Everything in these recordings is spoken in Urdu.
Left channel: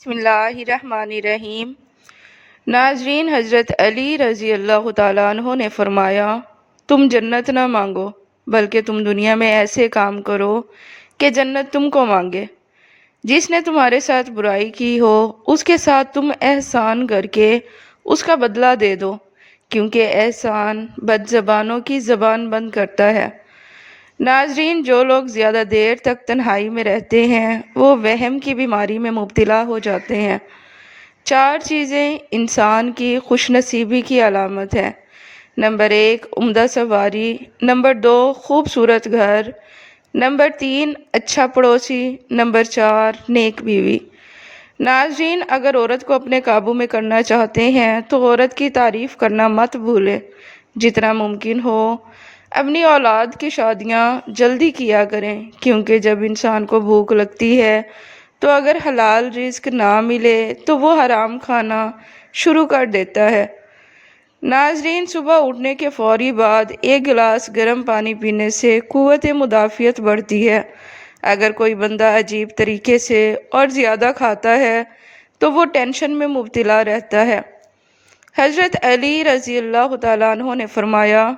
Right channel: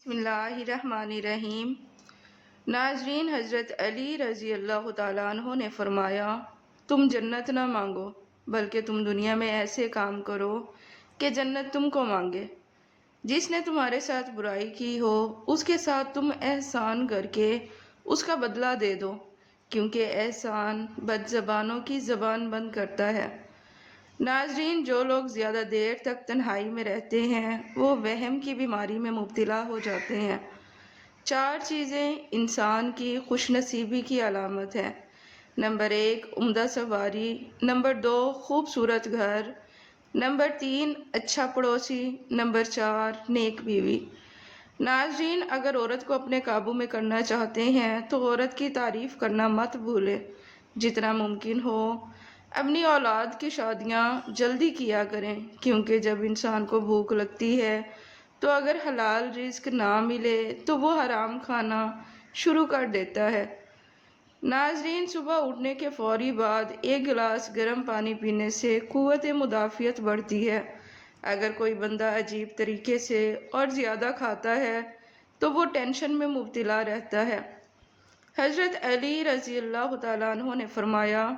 بسم اللہ الرحمن الرحیم۔ ناظرین، حضرت علی رضی اللہ تعالیٰ عنہ نے فرمایا، تم جنت نہ مانگو بلکہ تم دنیا میں ایسے کام کرو کہ جنت تم کو مانگے۔ جس نے تمہارے ساتھ برائی کی ہو اس کے ساتھ تم احسان کر کے اس کا بدلہ دے دو، کیونکہ احسان بد زبانوں کی زبان بند کرتا ہے۔ ناظرین، جو لوگ زیادہ دیر تک تنہائی میں رہتے ہیں وہ وہم کی بیماری میں مبتلا ہو جاتے ہیں۔ 4 چیزیں انسان کی خوش نصیبی کی علامت ہیں۔ نمبر 1، عمدہ سواری۔ نمبر 2، خوبصورت گھر۔ نمبر 3، اچھا پڑوسی۔ نمبر 4، نیک بیوی۔ ناظرین، اگر عورت کو اپنے قابو میں کرنا چاہتے ہیں تو عورت کی تعریف کرنا مت بھولیں۔ جتنا ممکن ہو اپنی اولاد کی شادیاں جلدی کیا کریں، کیونکہ جب انسان کو بھوک لگتی ہے تو اگر حلال رزق نہ ملے تو وہ حرام کھانا شروع کر دیتا ہے۔ ناظرین، صبح اٹھنے کے فوری بعد 1 گلاس گرم پانی پینے سے قوت مدافعت بڑھتی ہے۔ اگر کوئی بندہ عجیب طریقے سے اور زیادہ کھاتا ہے تو وہ ٹینشن میں مبتلا رہتا ہے۔ حضرت علی رضی اللہ تعالیٰ عنہ نے فرمایا،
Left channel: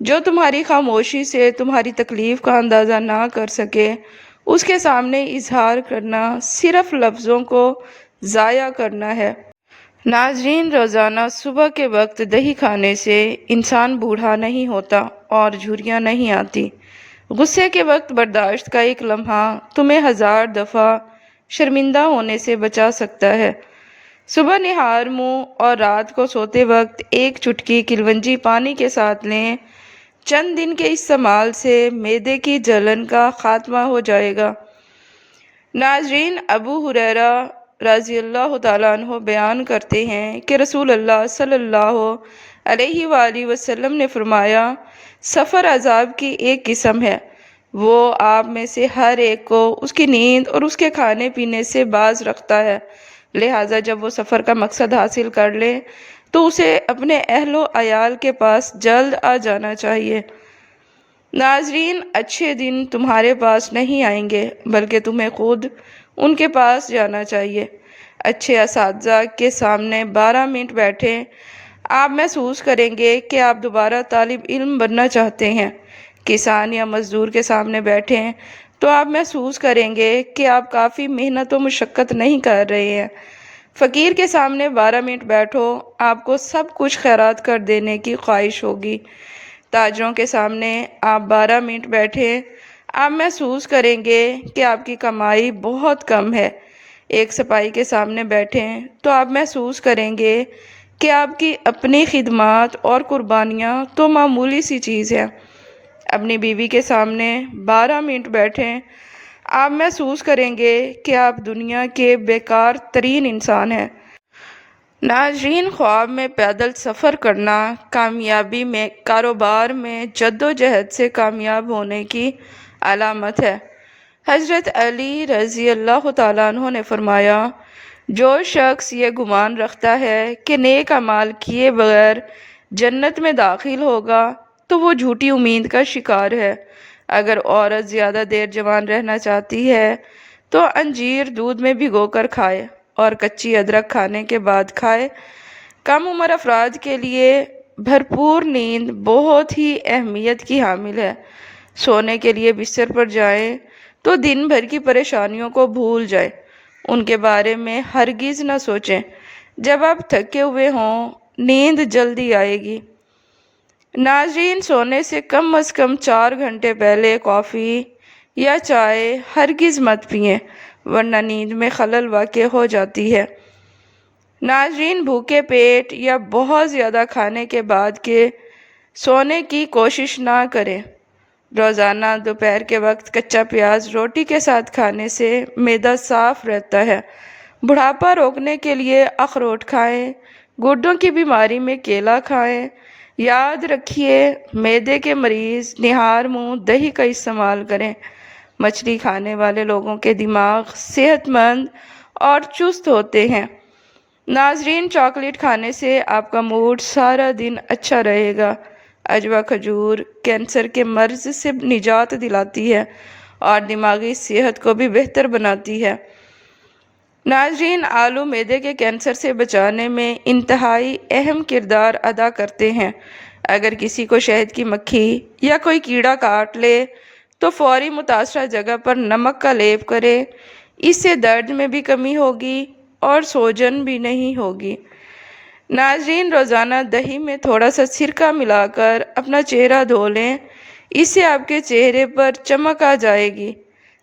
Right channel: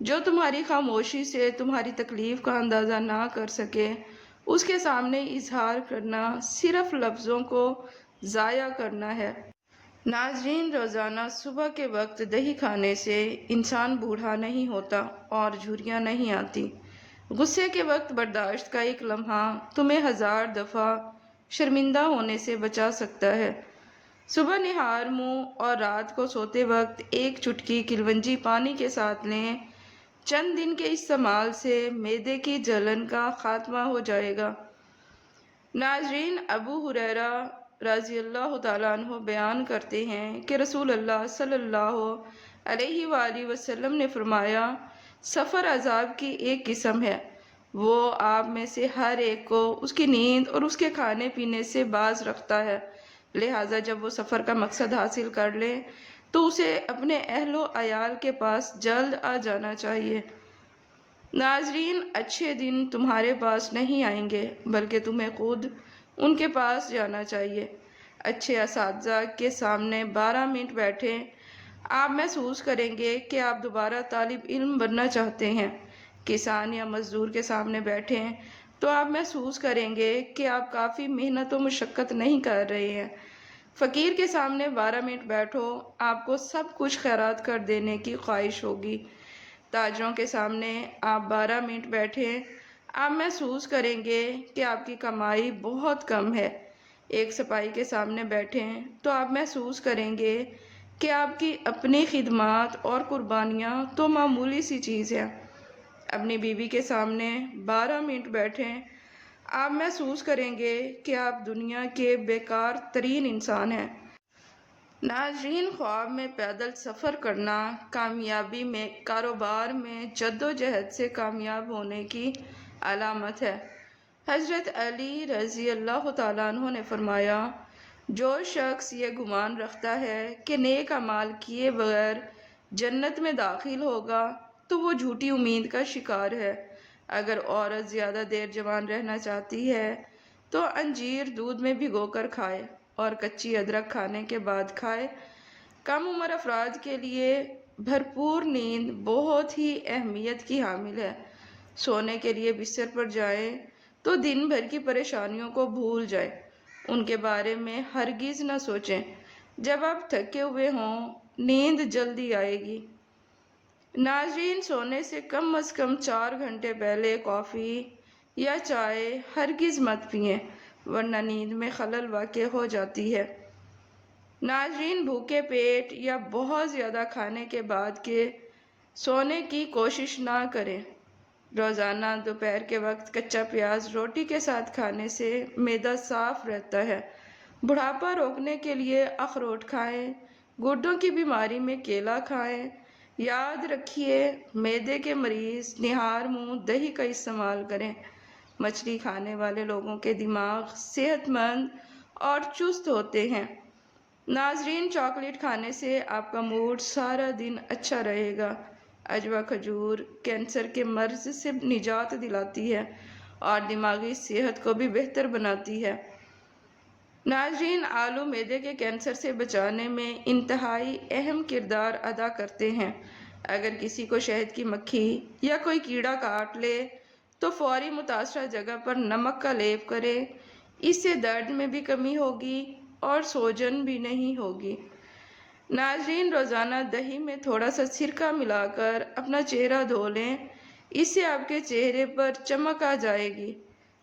جو تمہاری خاموشی سے تمہاری تکلیف کا اندازہ نہ کر سکے اس کے سامنے اظہار کرنا صرف لفظوں کو ضائع کرنا ہے۔ ناظرین، روزانہ صبح کے وقت دہی کھانے سے انسان بوڑھا نہیں ہوتا اور جھریاں نہیں آتی۔ غصے کے وقت برداشت کا ایک لمحہ تمہیں 1000 دفعہ شرمندہ ہونے سے بچا سکتا ہے۔ صبح نہار منہ اور رات کو سوتے وقت 1 چٹکی کلونجی پانی کے ساتھ لیں۔ چند دن کے استعمال سے معدے کی جلن کا خاتمہ ہو جائے گا۔ ناظرین، ابو ہریرہ رضی اللہ تعالیٰ عنہ بیان کرتے ہیں کہ رسول اللہ صلی اللہ علیہ وآلہ وسلم نے فرمایا، سفر عذاب کی ایک قسم ہے، وہ آپ میں سے ہر ایک کو اس کی نیند اور اس کے کھانے پینے سے باز رکھتا ہے، لہٰذا جب وہ سفر کا مقصد حاصل کر لے تو اسے اپنے اہل و عیال کے پاس جلد آ جانا چاہیے۔ ناظرین، اچھے دن تمہارے پاس نہیں آئیں گے بلکہ تمہیں خود ان کے پاس جانا چاہیے۔ اچھے اساتذہ کے سامنے 12 منٹ بیٹھیں، آپ محسوس کریں گے کہ آپ دوبارہ طالب علم بننا چاہتے ہیں۔ کسان یا مزدور کے سامنے بیٹھیں تو آپ محسوس کریں گے کہ آپ کافی محنت و مشقت نہیں کر رہے ہیں۔ فقیر کے سامنے 12 منٹ بیٹھو، آپ کو سب کچھ خیرات کر دینے کی خواہش ہوگی۔ تاجروں کے سامنے آپ 12 منٹ بیٹھیں، آپ محسوس کریں گے کہ آپ کی کمائی بہت کم ہے۔ ایک سپاہی کے سامنے بیٹھیں تو آپ محسوس کریں گے کہ آپ کی اپنی خدمات اور قربانیاں تو معمولی سی چیز ہے۔ اپنی بیوی کے سامنے 12 منٹ بیٹھیں، آپ محسوس کریں گے کہ آپ دنیا کے بیکار ترین انسان ہیں۔ ناظرین، خواب میں پیدل سفر کرنا کامیابی میں کاروبار میں جدوجہد سے کامیاب ہونے کی علامت ہے۔ حضرت علی رضی اللہ تعالیٰ عنہ نے فرمایا، جو شخص یہ گمان رکھتا ہے کہ نیک اعمال کیے بغیر جنت میں داخل ہوگا تو وہ جھوٹی امید کا شکار ہے۔ اگر عورت زیادہ دیر جوان رہنا چاہتی ہے تو انجیر دودھ میں بھگو کر کھائے اور کچی ادرک کھانے کے بعد کھائے۔ کم عمر افراد کے لیے بھرپور نیند بہت ہی اہمیت کی حامل ہے۔ سونے کے لیے بستر پر جائیں تو دن بھر کی پریشانیوں کو بھول جائیں، ان کے بارے میں ہرگز نہ سوچیں۔ جب آپ تھکے ہوئے ہوں نیند جلدی آئے گی۔ ناظرین، سونے سے کم از کم 4 گھنٹے پہلے کافی یا چائے ہرگز مت پئیں، ورنہ نیند میں خلل واقع ہو جاتی ہے۔ ناظرین، بھوکے پیٹ یا بہت زیادہ کھانے کے بعد کے سونے کی کوشش نہ کریں۔ روزانہ دوپہر کے وقت کچا پیاز روٹی کے ساتھ کھانے سے معدہ صاف رہتا ہے۔ بڑھاپا روکنے کے لیے اخروٹ کھائیں، گردوں کی بیماری میں کیلا کھائیں۔ یاد رکھیے، معدے کے مریض نہار منہ دہی کا استعمال کریں۔ مچھلی کھانے والے لوگوں کے دماغ صحت مند اور چست ہوتے ہیں۔ ناظرین، چاکلیٹ کھانے سے آپ کا موڈ سارا دن اچھا رہے گا۔ عجوہ کھجور کینسر کے مرض سے نجات دلاتی ہے اور دماغی صحت کو بھی بہتر بناتی ہے۔ ناظرین، آلو معدے کے کینسر سے بچانے میں انتہائی اہم کردار ادا کرتے ہیں۔ اگر کسی کو شہد کی مکھی یا کوئی کیڑا کاٹ لے تو فوری متاثرہ جگہ پر نمک کا لیپ کرے۔ اس سے درد میں بھی کمی ہوگی اور سوجن بھی نہیں ہوگی۔ ناظرین، روزانہ دہی میں تھوڑا سا سرکہ ملا کر اپنا چہرہ دھو لیں، اس سے آپ کے چہرے پر چمک آ جائے گی۔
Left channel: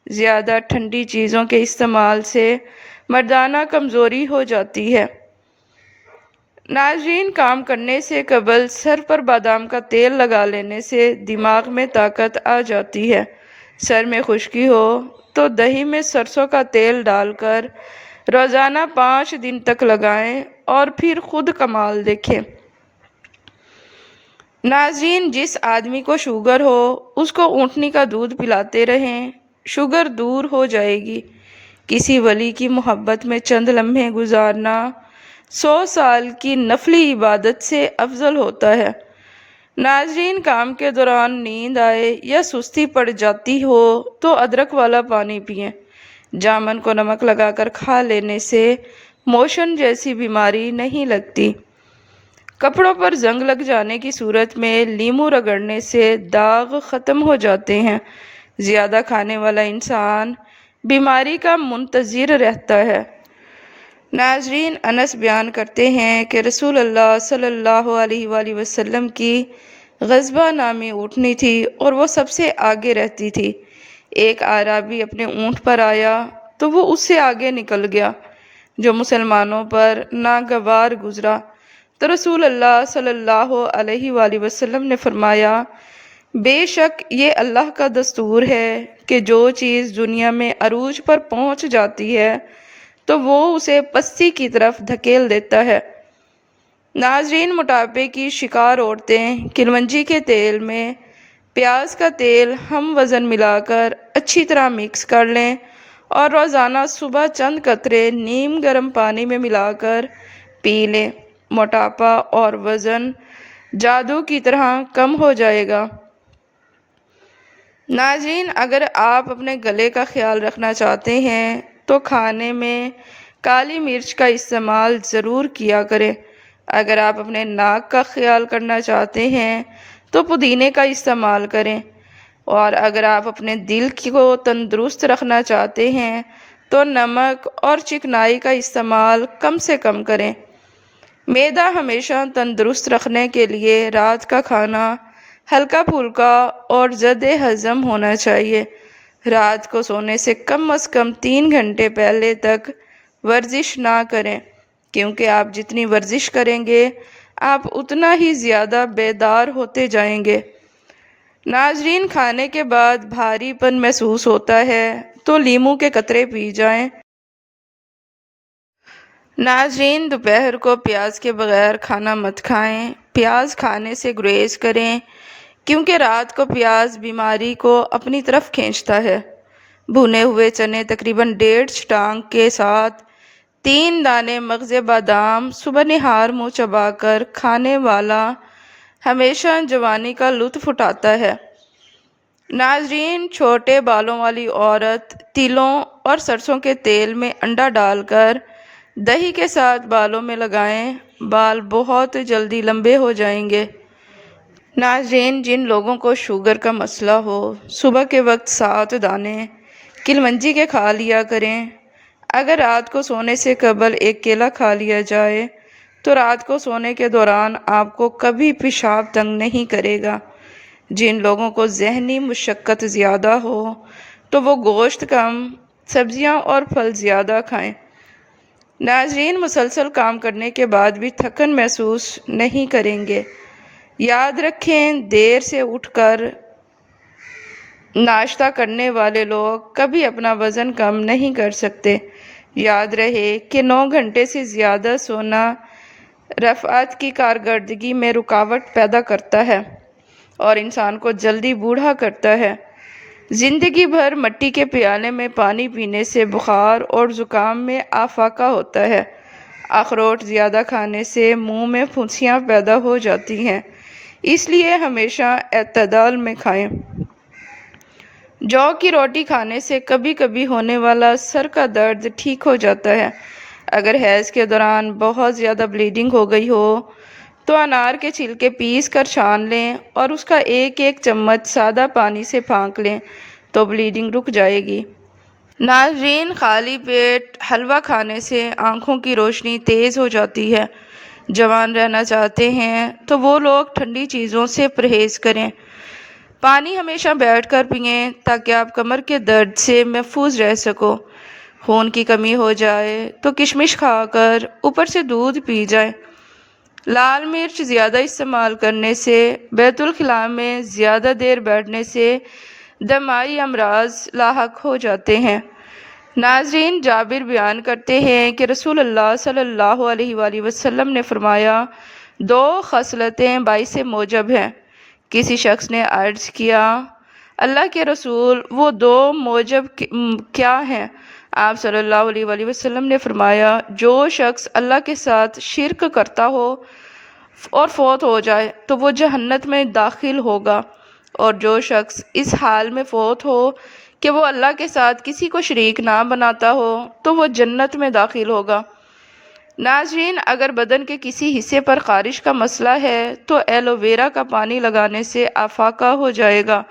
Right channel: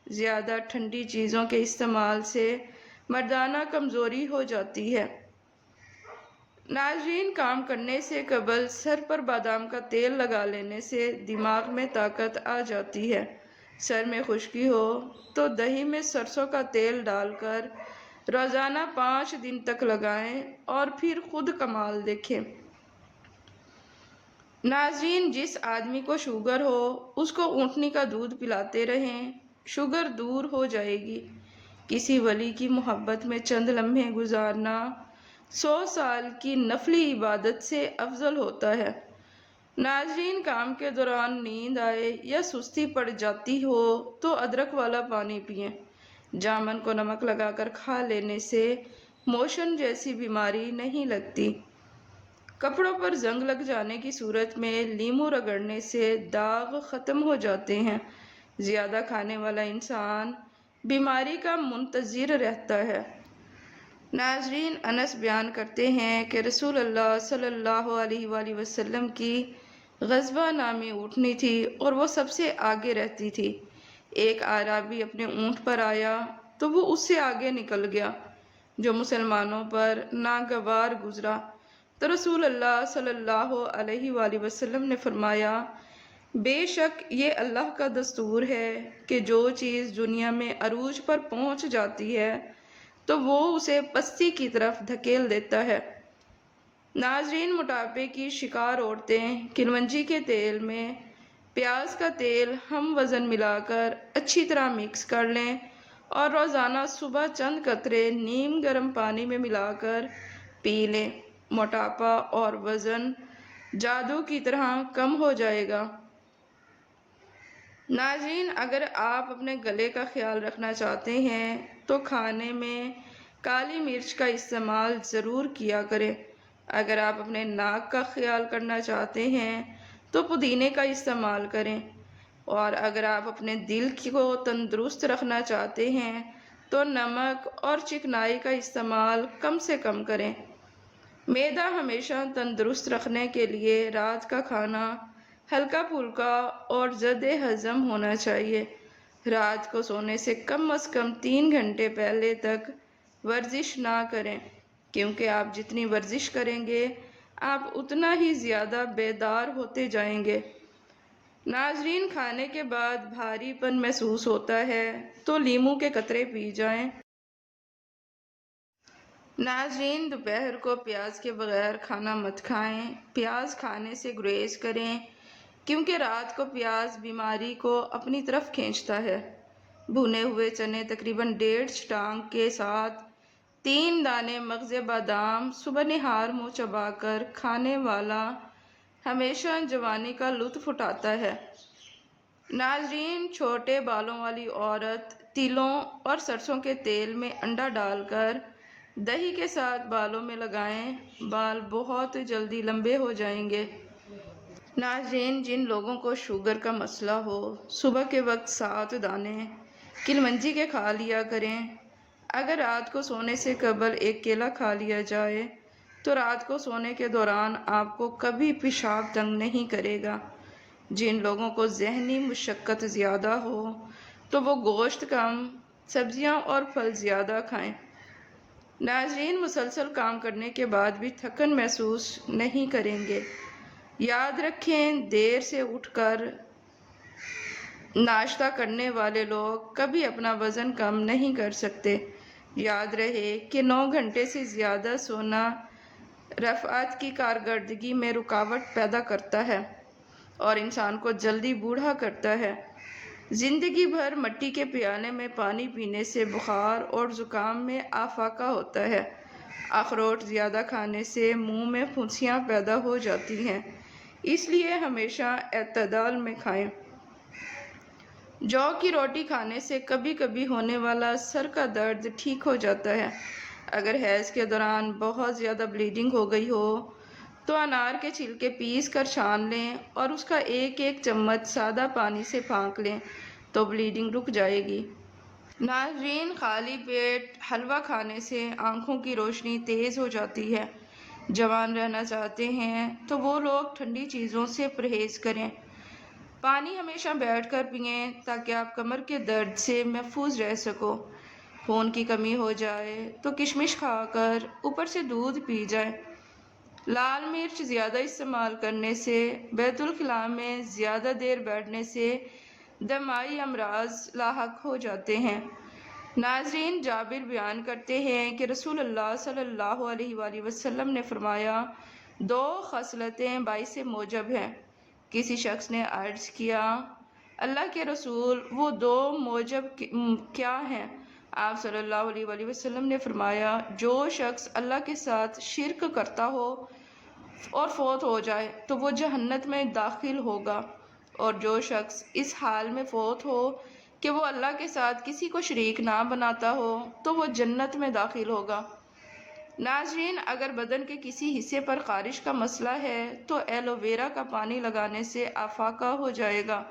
زیادہ ٹھنڈی چیزوں کے استعمال سے مردانہ کمزوری ہو جاتی ہے۔ ناظرین، کام کرنے سے قبل سر پر بادام کا تیل لگا لینے سے دماغ میں طاقت آ جاتی ہے۔ سر میں خشکی ہو تو دہی میں سرسوں کا تیل ڈال کر روزانہ 5 دن تک لگائیں اور پھر خود کمال دیکھیں۔ ناظرین، جس آدمی کو شوگر ہو اس کو اونٹنی کا دودھ پلاتے رہیں، شوگر دور ہو جائے گی۔ کسی ولی کی محبت میں چند لمحے گزارنا 100 سال کی نفلی عبادت سے افضل ہوتا ہے۔ ناظرین، کام کے دوران نیند آئے یا سستی پڑ جاتی ہو تو ادرک والا پانی پئیں۔ جامن کو نمک لگا کر کھا لینے سے موشن جیسی بیماری نہیں لگتی۔ کپڑوں پر زنگ لگ جانے کی صورت میں لیموں رگڑنے سے داغ ختم ہو جاتے ہیں۔ زیادہ کھانے والا انسان بیماری کا منتظر رہتا ہے۔ ناظرین، انس بیان کرتے ہیں کہ رسول اللہ صلی اللہ علیہ وآلہ وسلم کی غضبہ نامی اونٹنی تھی اور وہ سب سے آگے رہتی تھی۔ ایک اعرابی اپنے اونٹ پر آیا تو وہ اس سے آگے نکل گیا، جو مسلمانوں پر ناگوار گزرا۔ تو رسول اللہ صلی اللہ علیہ وآلہ وسلم نے فرمایا، بے شک یہ اللہ کا دستور ہے کہ جو چیز دنیا میں عروج پر پہنچ جاتی ہے تو وہ اسے پستی کی طرف دھکیل دیتا ہے۔ ناظرین، موٹاپے کی شکار عورتیں کلونجی کے تیل میں پیاز کا تیل ہم وزن ملا کر اچھی طرح مکس کر لیں اور روزانہ صبح چند قطرے نیم گرم پانی میں ملا کر پی لیں۔ موٹاپا اور وزن جادو کی طرح کم ہو جائے گا۔ ناظرین، اگر آپ اپنے گلے کا خیال رکھنا چاہتے ہیں تو کھانے میں کالی مرچ کا استعمال ضرور کیا کریں۔ اگر آپ اپنے ناک کا خیال کرنا چاہتے ہیں تو پودینے کا استعمال کریں، اور اگر آپ اپنے دل کو تندرست رکھنا چاہتے ہیں تو نمک اور چکنائی کا استعمال کم سے کم کریں۔ معدہ ہمیشہ تندرست رکھنے کے لیے رات کا کھانا ہلکا پھلکا اور ضد ہضم ہونا چاہیے۔ رات کو سونے سے کم از کم 3 گھنٹے پہلے تک ورزش نہ کریں، کیونکہ آپ جتنی ورزش کریں گے آپ اتنا ہی زیادہ بیدار ہوتے جائیں گے۔ ناظرین، کھانے کے بعد بھاری پن محسوس ہوتا ہے تو لیموں کے قطرے پی جائیں۔ ناظرین، دوپہر کو پیاز کے بغیر کھانا مت کھائیں۔ پیاز کھانے سے گریز کریں، کیونکہ رات کو پیاز بیماری کو اپنی طرف کھینچتا ہے۔ بھنے ہوئے چنے تقریباً 1.5 چھٹانک کے ساتھ 3 دانے مغز بادام صبح نہار منہ چبا کر کھانے والا ہمیشہ جوانی کا لطف اٹھاتا ہے۔ ناظرین، چھوٹے بالوں والی عورت تلوں اور سرسوں کے تیل میں انڈا ڈال کر دہی کے ساتھ بالوں میں لگائیں، بال بہت جلدی لمبے ہو جائیں گے۔ ناظرین، جن لوگوں کو شوگر کا مسئلہ ہو صبح کے وقت 7 دانے کلونجی کے کھا لیا کریں۔ اگر رات کو سونے سے قبل ایک کیلا کھا لیا جائے تو رات کو سونے کے دوران آپ کو کبھی پیشاب تنگ نہیں کرے گا۔ جن لوگوں کو ذہنی مشقت زیادہ ہو تو وہ گوشت کم، سبزیاں اور پھل زیادہ کھائیں۔ ناظرین، مسلسل کام کرنے کے بعد بھی تھکن محسوس نہیں کریں گے۔ یاد رکھیں، دیر سے اٹھ کر ناشتہ کرنے والے لوگ کبھی اپنا وزن کم نہیں کر سکتے۔ یاد رہے کہ 9 گھنٹے سے زیادہ سونا رفعت کی کارکردگی میں رکاوٹ پیدا کرتا ہے اور انسان کو جلدی بوڑھا کرتا ہے۔ زندگی بھر مٹی کے پیالے میں پانی پینے سے بخار اور زکام میں افاقہ ہوتا ہے۔ اخروٹ زیادہ کھانے سے منہ میں پھنسیاں پیدا ہو جاتی ہیں، اس لیے ہمیشہ اعتدال میں کھائیں۔ جو کی روٹی کھانے سے کبھی کبھی ہونے والا سر کا درد ٹھیک ہو جاتا ہے۔ اگر حیض کے دوران بہت زیادہ بلیڈنگ ہو گئی ہو تو انار کے چھلکے پیس کر چھان لیں اور اس کا ایک ایک چمچ سادہ پانی سے پھانک لیں تو بلیڈنگ رک جائے گی۔ ناظرین، خالی پیٹ حلوہ کھانے سے آنکھوں کی روشنی تیز ہو جاتی ہے۔ جوان رہنا چاہتے ہیں تو وہ لوگ ٹھنڈی چیزوں سے پرہیز کریں۔ پانی ہمیشہ بیٹھ کر پئیں تاکہ آپ کمر کے درد سے محفوظ رہ سکو۔ خون کی کمی ہو جائے تو کشمش کھا کر اوپر سے دودھ پی جائیں۔ لال مرچ زیادہ استعمال کرنے سے، بیت الخلاء میں زیادہ دیر بیٹھنے سے دمائی امراض لاحق ہو جاتے ہیں۔ ناظرین، جابر بیان کرتے ہیں کہ رسول اللہ صلی اللہ علیہ وآلہ وسلم نے فرمایا، 2 خصلتیں باعث موجب ہیں۔ کسی شخص نے عرض کیا، اللہ کے رسول، وہ 2 موجب کیا ہیں؟ آپ صلی اللہ علیہ وآلہ وسلم نے فرمایا، جو شخص اللہ کے ساتھ شرک کرتا ہو اور فوت ہو جائے تو وہ جہنت میں داخل ہوگا، اور جو شخص اس حال میں فوت ہو کہ وہ اللہ کے ساتھ کسی کو شریک نہ بناتا ہو تو وہ جنت میں داخل ہوگا۔ ناظرین، اگر بدن کے کسی حصے پر خارش کا مسئلہ ہے تو ایلو ویرا کا پانی لگانے سے افاقہ ہو جائے گا۔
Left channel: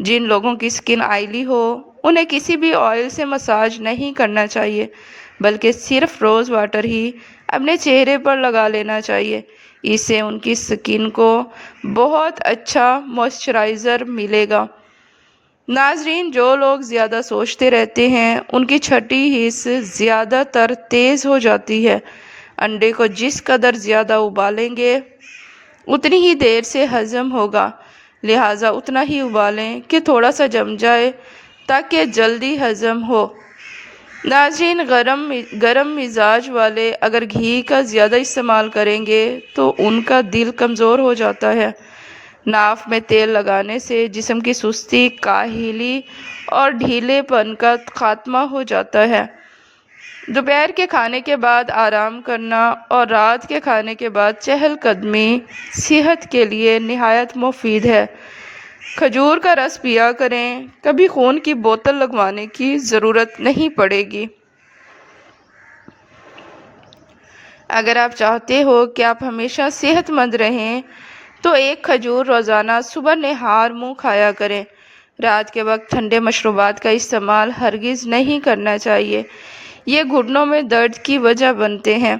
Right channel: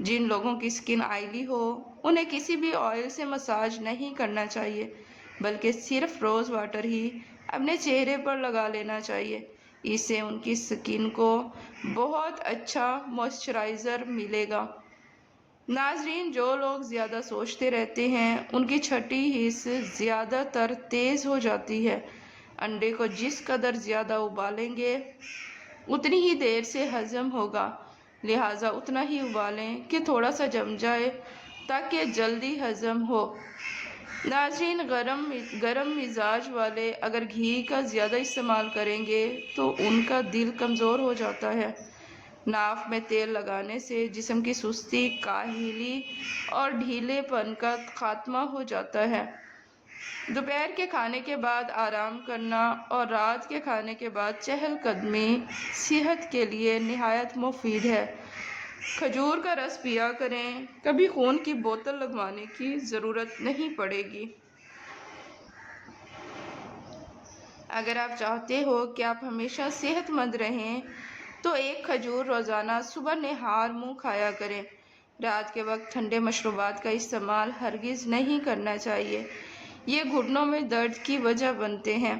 جن لوگوں کی سکن آئلی ہو انہیں کسی بھی آئل سے مساج نہیں کرنا چاہیے، بلکہ صرف روز واٹر ہی اپنے چہرے پر لگا لینا چاہیے۔ اس سے ان کی سکن کو بہت اچھا موئسچرائزر ملے گا۔ ناظرین، جو لوگ زیادہ سوچتے رہتے ہیں ان کی چھٹی حص زیادہ تر تیز ہو جاتی ہے۔ انڈے کو جس قدر زیادہ ابالیں گے اتنی ہی دیر سے ہضم ہوگا، لہٰذا اتنا ہی ابالیں کہ تھوڑا سا جم جائے تاکہ جلدی ہضم ہو۔ ناظرین، گرم مزاج والے اگر گھی کا زیادہ استعمال کریں گے تو ان کا دل کمزور ہو جاتا ہے۔ ناف میں تیل لگانے سے جسم کی سستی، کاہلی اور ڈھیلے پن کا خاتمہ ہو جاتا ہے۔ دوپہر کے کھانے کے بعد آرام کرنا اور رات کے کھانے کے بعد چہل قدمی صحت کے لیے نہایت مفید ہے۔ کھجور کا رس پیا کریں، کبھی خون کی بوتل لگوانے کی ضرورت نہیں پڑے گی۔ اگر آپ چاہتے ہو کہ آپ ہمیشہ صحت مند رہیں تو 1 کھجور روزانہ صبح نہار منہ کھایا کریں۔ رات کے وقت ٹھنڈے مشروبات کا استعمال ہرگز نہیں کرنا چاہیے، یہ گھٹنوں میں درد کی وجہ بنتے ہیں۔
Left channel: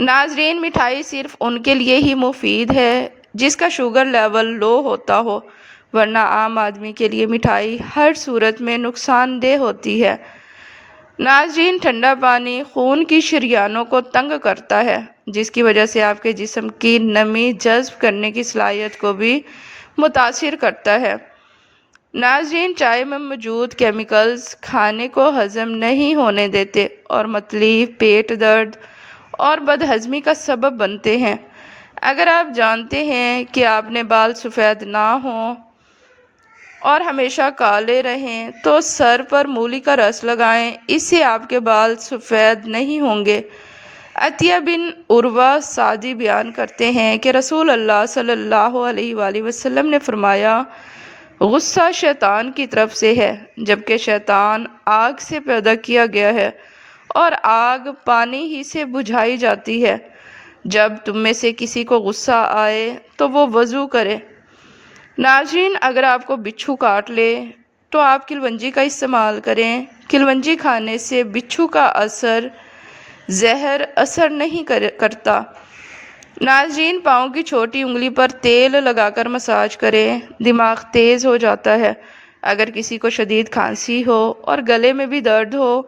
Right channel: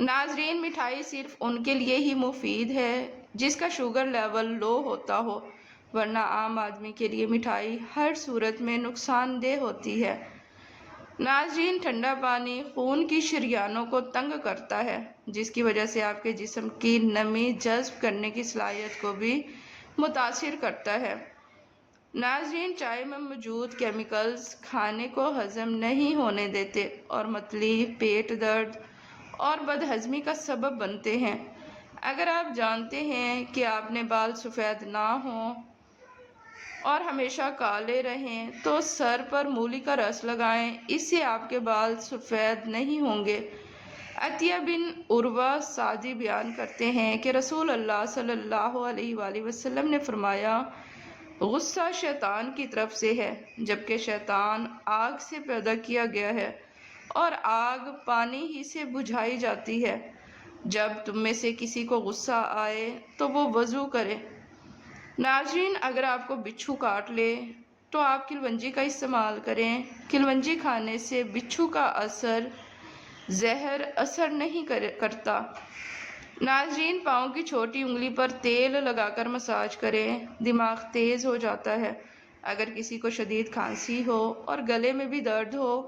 ناظرین، مٹھائی صرف ان کے لیے ہی مفید ہے جس کا شوگر لیول لو ہوتا ہو، ورنہ عام آدمی کے لیے مٹھائی ہر صورت میں نقصان دہ ہوتی ہے۔ ناظرین، ٹھنڈا پانی خون کی شریانوں کو تنگ کرتا ہے، جس کی وجہ سے آپ کے جسم کی نمی جذب کرنے کی صلاحیت کو بھی متاثر کرتا ہے۔ ناظرین، چائے میں موجود کیمیکلز کھانے کو ہضم نہیں ہونے دیتے اور متلی، پیٹ درد اور بدہضمی کا سبب بنتے ہیں۔ اگر آپ جانتے ہیں کہ آپ نے بال سفید نہ ہوں اور ہمیشہ کالے رہیں تو سر پر مولی کا رس لگائیں، اس سے آپ کے بال سفید نہیں ہوں گے۔ عطیہ بن عروہ سعدی بیان کرتے ہیں کہ رسول اللہ صلی اللہ علیہ وآلہ وسلم نے فرمایا، غصہ شیطان کی طرف سے ہے، جبکہ شیطان آگ سے پیدا کیا گیا ہے اور آگ پانی ہی سے بجھائی جاتی ہے۔ جب تم میں سے کسی کو غصہ آئے تو وہ وضو کرے۔ ناظرین، اگر آپ کو بچھو کاٹ لے تو آپ کلونجی کا استعمال کریں۔ کلونجی کھانے سے بچھو کا زہر اثر نہیں کرتا۔ ناظرین، پاؤں کی چھوٹی انگلی پر تیل لگا کر مساج کریں، دماغ تیز ہو جاتا ہے۔ اگر کسی کو شدید کھانسی ہو اور گلے میں بھی درد ہو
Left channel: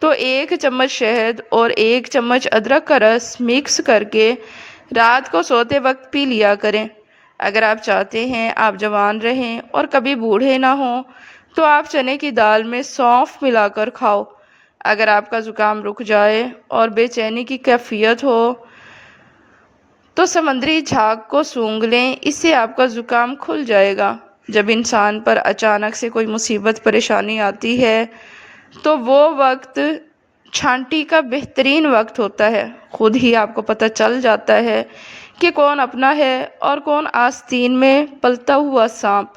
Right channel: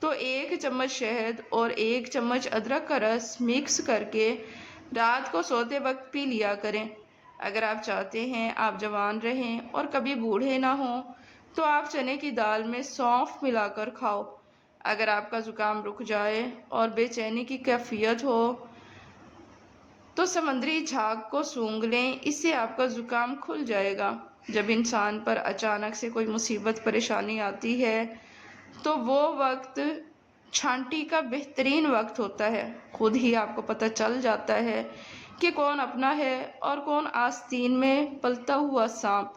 تو 1 چمچ شہد اور 1 چمچ ادرک کا رس مکس کر کے رات کو سوتے وقت پی لیا کریں۔ اگر آپ چاہتے ہیں آپ جوان رہیں اور کبھی بوڑھے نہ ہوں تو آپ چنے کی دال میں سونف ملا کر کھاؤ۔ اگر آپ کا زکام رک جائے اور بے چینی کی کیفیت ہو تو سمندری جھاگ کو سونگھ لیں، اس سے آپ کا زکام کھل جائے گا۔ جب انسان پر اچانک سے کوئی مصیبت پریشانی آتی ہے تو وہ وقت چھانٹی کا بہترین وقت ہوتا ہے۔ خود ہی آپ کو پتہ چل جاتا ہے کہ کون اپنا ہے اور کون آستین میں پلتا ہوا سانپ۔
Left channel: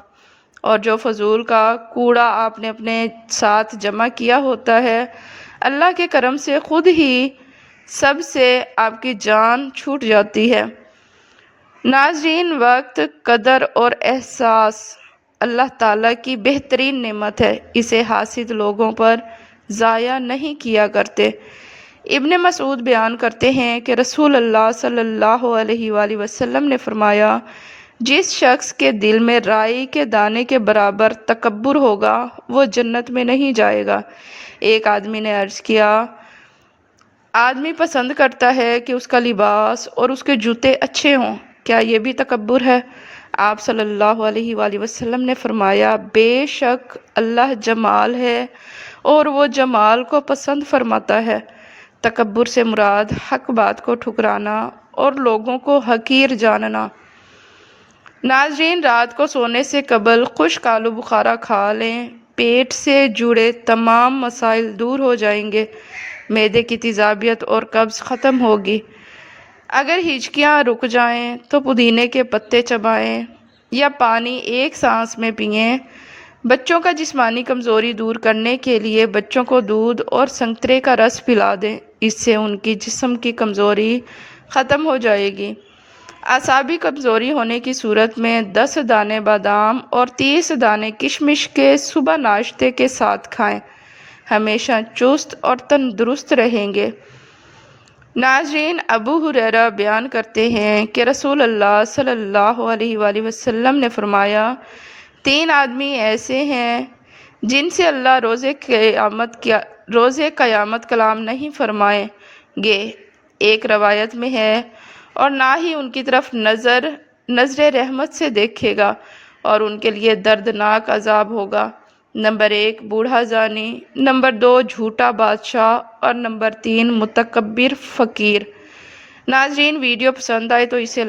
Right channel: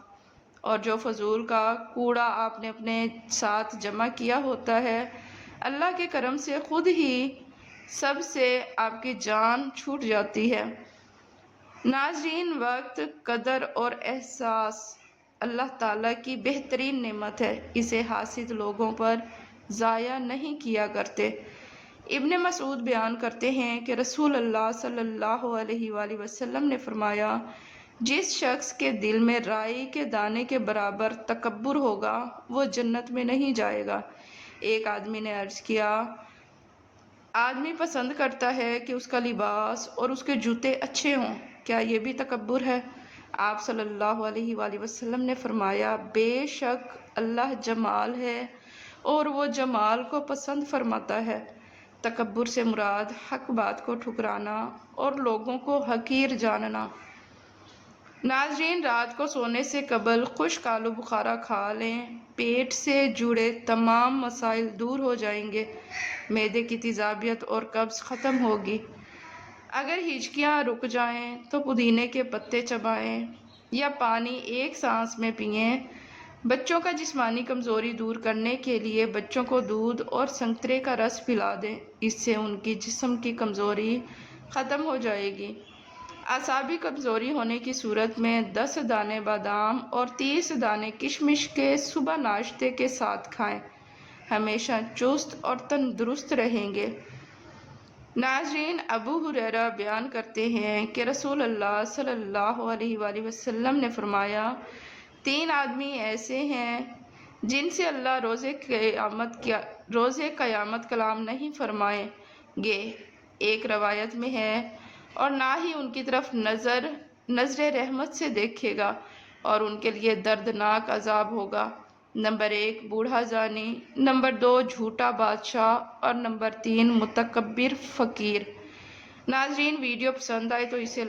اور جو فضول کا کوڑا آپ نے اپنے ساتھ جمع کیا ہوتا ہے، اللہ کے کرم سے خود ہی سب سے آپ کی جان چھوٹ جاتی ہے۔ ناظرین، وقت، قدر اور احساس اللہ تعالیٰ کی بہترین نعمت ہے، اسے حاسد لوگوں پر ضائع نہیں کیا کرتے۔ ابن مسعود بیان کرتے ہیں کہ رسول اللہ صلی اللہ علیہ وآلہ وسلم نے فرمایا، جس شخص کے دل میں رائی کے دانے کے برابر تکبر ہوگا وہ جنت میں نہیں جائے گا۔ ایک آدمی نے عرض کیا، آدمی پسند کرتا ہے کہ اس کا لباس اور اس کے جوتے اچھے ہوں، کیا یہ بھی تکبر ہے؟ آپ صلی اللہ علیہ وآلہ وسلم نے فرمایا، بے شک اللہ جمال ہے اور وہ جمال کو پسند فرماتا ہے۔ تکبر سے مراد حق بات کو ٹھکرانا اور لوگوں کو حقیر جاننا۔ ناظرین، رات کو سونے سے قبل خشک آلو بخارا کھا لیں، پیٹ سے جڑے تمام مسائل دور ہو جائیں گے، معدے کی تیزابیت اور قبض ختم ہوگی۔ اگر ہچکیاں رک جائیں تو پودینے کے پتے چبائیں یا پانی ایک سانس میں پئیں۔ بچوں کا جسمانی کمزوری دور کرنے کے لیے بچوں کو دودھ اور سنترے کا رس پلا دیں، اس سے ان کی جسم کی کمزوری ختم ہو جائے گی۔ اعصابی کمزوری ہونے کی صورت میں 10 دانے بادام اور 30 دانے کشمش کے صبح ناشتے کے ساتھ کھائیں، ہمیشہ چست اور تندرست رہیں گے۔ ناظرین، ابو ہریرہ بیان کرتے ہیں کہ رسول اللہ صلی اللہ علیہ وآلہ وسلم نے فرمایا، 3 آدمی ایسے ہیں جن سے اللہ روز قیامت کلام نہیں فرمائیں گے، ایک روایت میں ہے، اور نہ ہی ان کی طرف نظر رحمت سے دیکھے گا، اور ان کے لیے دردناک عذاب ہوگا۔ نمبر 1 بوڑھا زانی، نمبر 2 جھوٹا بادشاہ، اور نمبر 3 متکبر فقیر۔ ناظرین، ویڈیو پسند آئے تو اسے